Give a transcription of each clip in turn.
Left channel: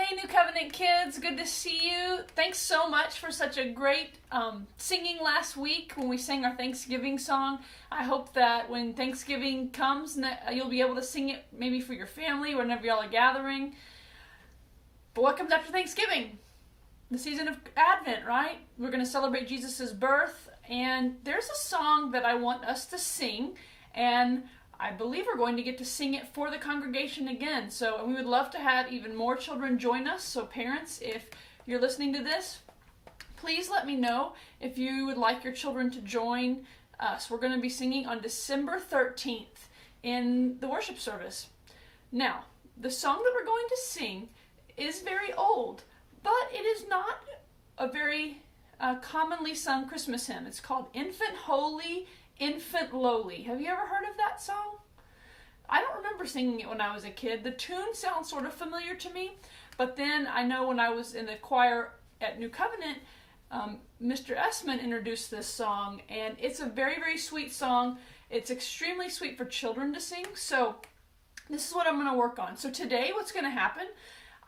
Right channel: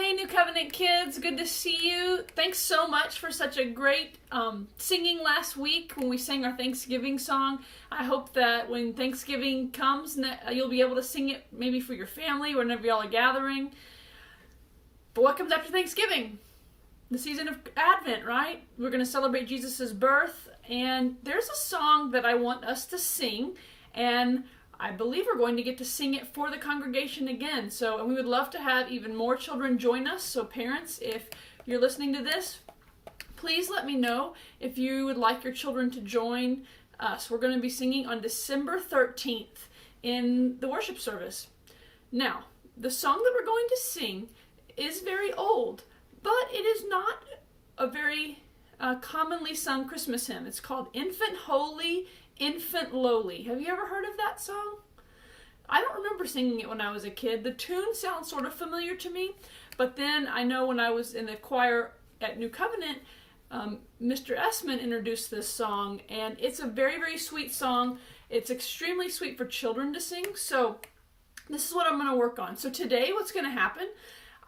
Hey, New Covenant kids, good to see you. Thanks so much for such a great singing last week when we sang our Thanksgiving song. I hope that when Thanksgiving comes, you'll be able to sing it maybe for your family whenever y'all are gathering. But what comes after Thanksgiving? The season of Advent, right? We're going to celebrate Jesus' birth, and there's a song that I want us to sing, and I believe we're going to get to sing it for the congregation again. So we would love to have even more children join us. So parents, if you're listening to this, please let me know if you would like your children to join us. We're going to be singing on December 13th in the worship service. Now, the song that we're going to sing is very old, but it is not a very commonly sung Christmas hymn. It's called Infant Holy, Infant Lowly. Have you ever heard of that song? I don't remember singing it when I was a kid. The tune sounds sort of familiar to me, but then I know when I was in the choir at New Covenant, Mr. Essman introduced this song, and it's a very, very sweet song. It's extremely sweet for children to sing, so this is what I'm going to work on. So today what's going to happen,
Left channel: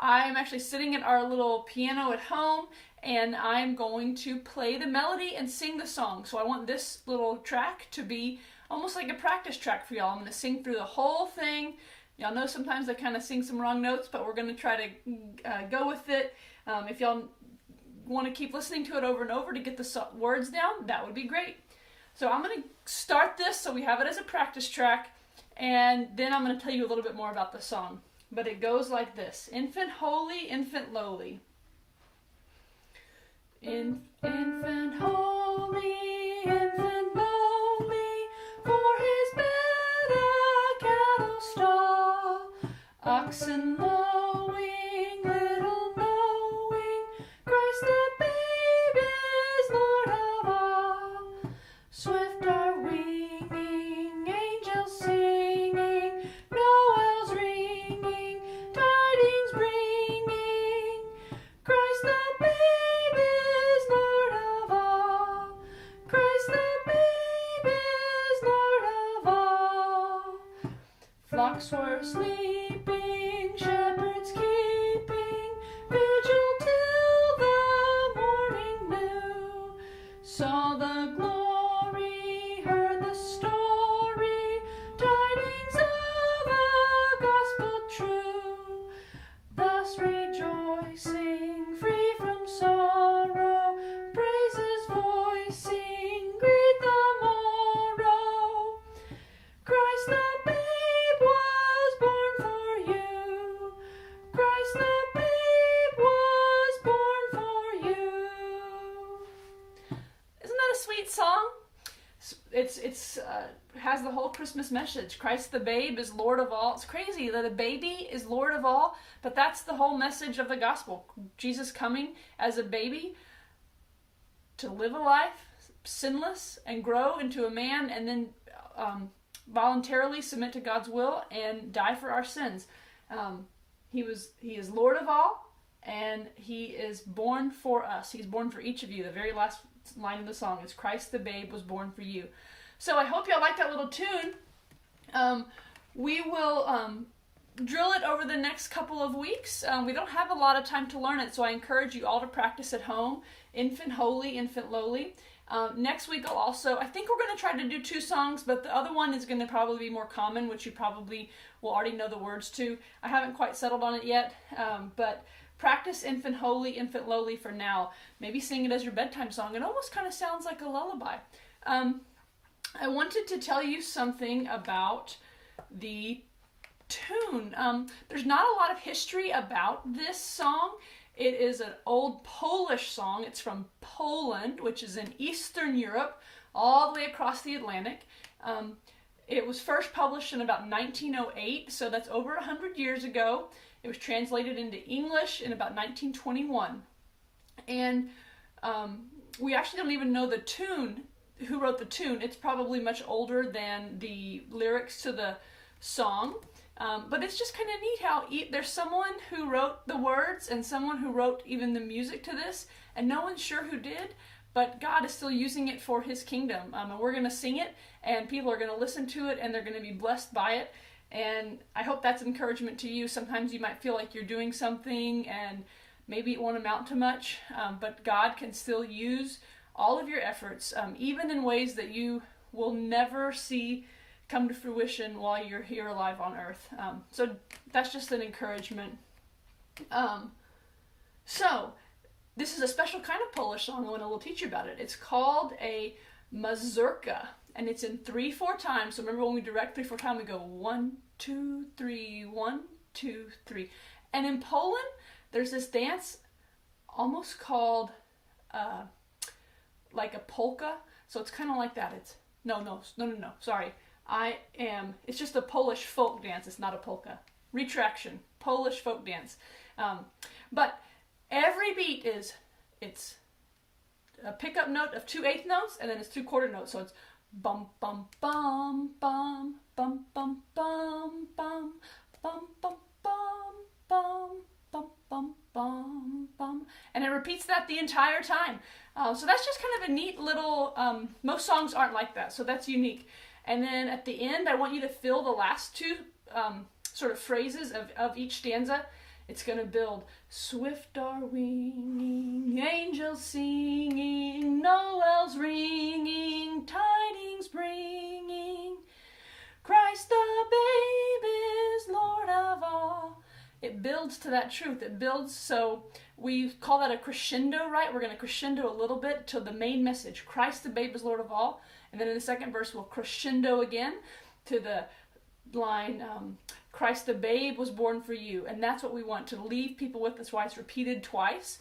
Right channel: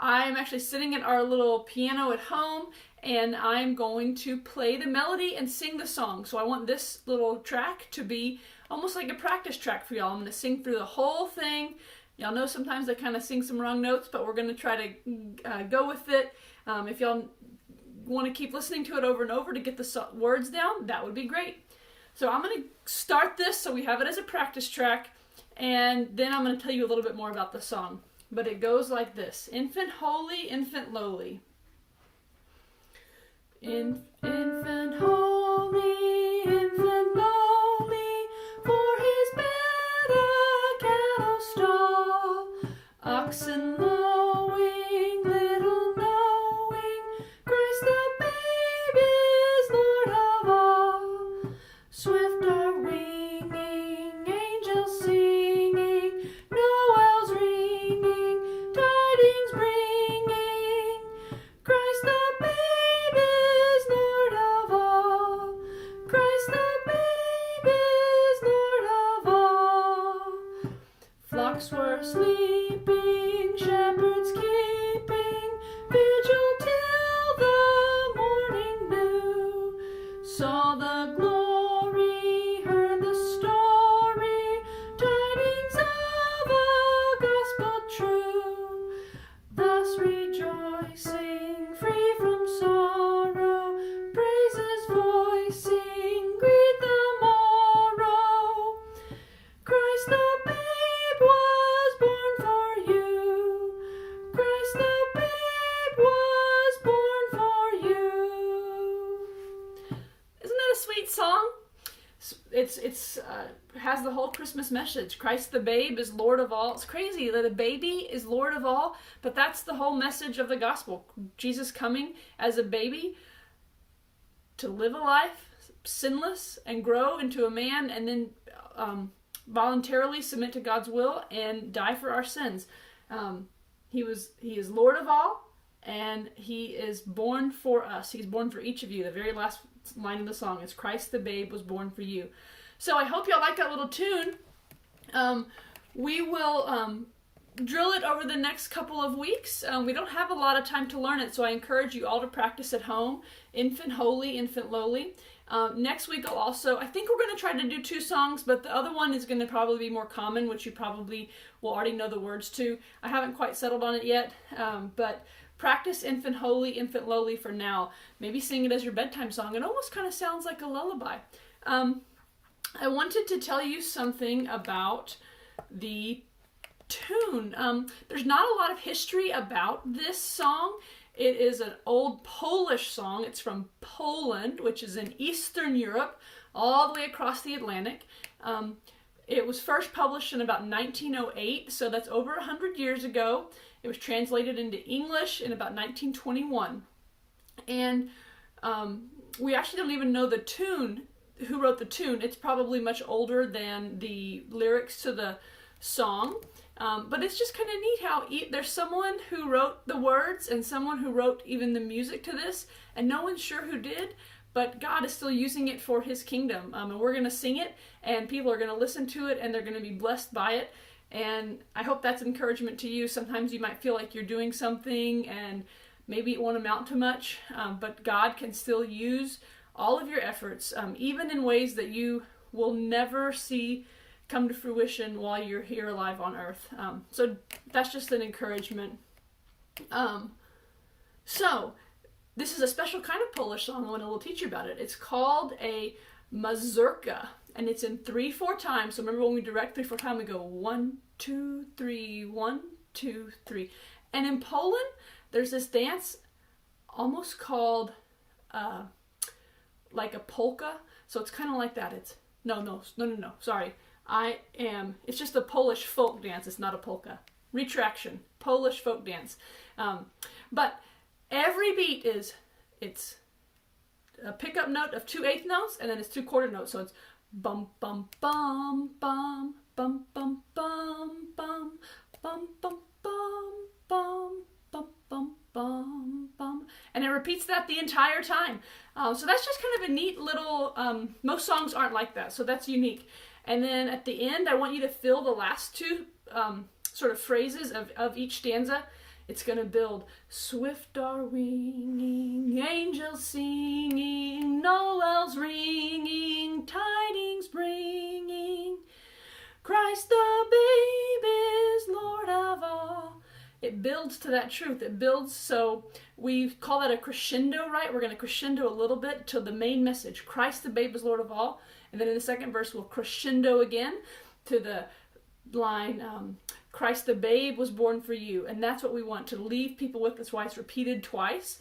I'm actually sitting at our little piano at home, and I'm going to play the melody and sing the song. So I want this little track to be almost like a practice track for y'all. I'm going to sing through the whole thing. Y'all know sometimes I kind of sing some wrong notes, but we're going to try to go with it. If y'all want to keep listening to it over and over to get the words down, that would be great. So I'm going to start this so we have it as a practice track, and then I'm going to tell you a little bit more about the song. But it goes like this. Infant holy, infant lowly. Infant holy, infant lowly, for his bed a cattle stall, oxen lowing, little knowing, Christ the babe is Lord of all. Swift are winging, angels singing, Noel's ringing, tidings bringing, Christ the babe is Lord of all. Christ the babe is Lord of all. Flocks were sleeping, shepherds keeping vigil till the morning new. Saw the glory, heard the story, tidings of a gospel true. Thus rejoicing, free from sorrow, praises voicing, greet the morrow. Christ the babe was born for you. Christ the babe was born for you. Isn't that a sweet song? It's has the whole Christmas message. Christ the babe is Lord of all. It's crazy that a baby is Lord of all, but that's the whole message of the gospel. Jesus coming as a baby to live a life sinless and grow into a man, and then voluntarily submit to God's will and die for our sins. He is Lord of all, and he is born for us. He's born for each of you. The very last line of the song is Christ the babe was born for you. So I hope y'all like that little tune. We will drill it over the next couple of weeks. We don't have a lot of time to learn it, so I encourage you all to practice at home. Infant holy, infant lowly. Next week I think we're going to try to do 2 songs, but the other one is going to probably be more common, which you probably will already know the words to. I haven't quite settled on it yet, but practice Infant Holy, Infant Lowly for now. Maybe sing it as your bedtime song. It almost kind of sounds like a lullaby. I wanted to tell you something about the tune. There's not a lot of history about this song. It is an old Polish song. It's from Poland, which is in Eastern Europe, all the way across the Atlantic. It was first published in about 1908, so that's over 100 years ago. It was translated into English in about 1921. And we actually don't even know the tune, who wrote the tune. It's probably much older than the lyrics to the song. But it's just kind of neat how there's someone who wrote the words and someone who wrote even the music to this, and no one's sure who did, but God is still using it for his kingdom. And we're going to sing it, and people are going to listen to it, and they're going to be blessed by it. And I hope that's encouragement to you. Sometimes you might feel like you're doing something and maybe it won't amount to much, but God can still use all of your efforts, even in ways that you will never see come to fruition while you're here alive on earth. So that's just an encouragement. So this is a special kind of Polish song. I want to teach you about it. It's called a mazurka, and it's in 3/4 time. So remember, when we direct 3/4 time, we go 1, 2, 3, 1, 2, 3. And in Poland, there's this dance almost called like a polka. So it's kind of like that. It's no. Sorry, it's just a Polish folk dance. It's not a polka. Retraction. Polish folk dance. But every beat it's a pickup note of 2/8 notes, and then it's 2/4 notes. So it's bum bum bum bum bum bum bum bum bum bum bum bum bum bum bum bum, and it repeats that the entire time. So that's just kind of a neat little. Most songs aren't like that, so that's unique. And then at the end, I want you to fill the last two sort of phrases of each stanza. It's going to build. Swift are winging, angels singing, Noel's ringing, tidings bringing. Christ the babe is Lord of all. It builds to that truth. It builds, so we call that a crescendo, right? We're going to crescendo a little bit to the main message. Christ the babe is Lord of all. And then in the second verse, we'll crescendo again to the line, Christ the babe was born for you. And that's what we want to leave people with. That's why it's repeated twice.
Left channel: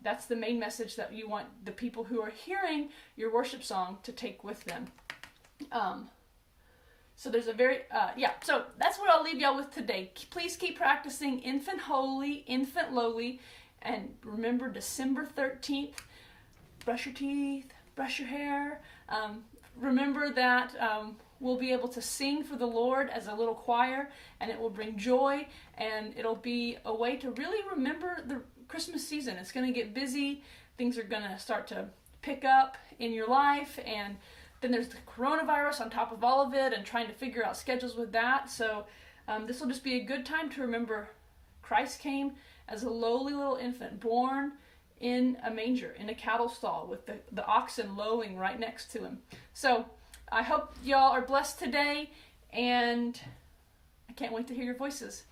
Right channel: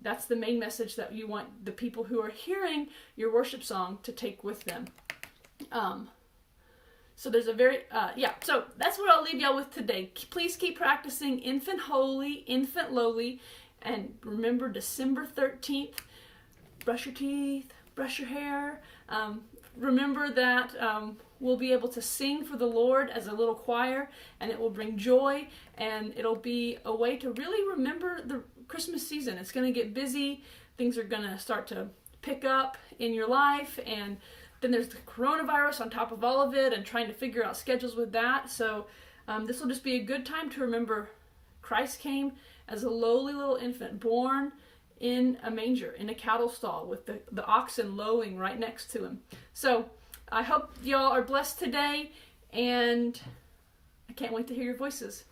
That's the main message that you want the people who are hearing your worship song to take with them. So there's a very, so that's what I'll leave y'all with today. Please keep practicing Infant Holy, Infant Lowly, and remember December 13th, brush your teeth, brush your hair. Remember that we'll be able to sing for the Lord as a little choir, and it will bring joy, and it'll be a way to really remember the Christmas season. It's going to get busy. Things are going to start to pick up in your life, and then there's the coronavirus on top of all of it and trying to figure out schedules with that. So this will just be a good time to remember Christ came as a lowly little infant born in a manger, in a cattle stall, with the oxen lowing right next to him. So I hope y'all are blessed today, and I can't wait to hear your voices.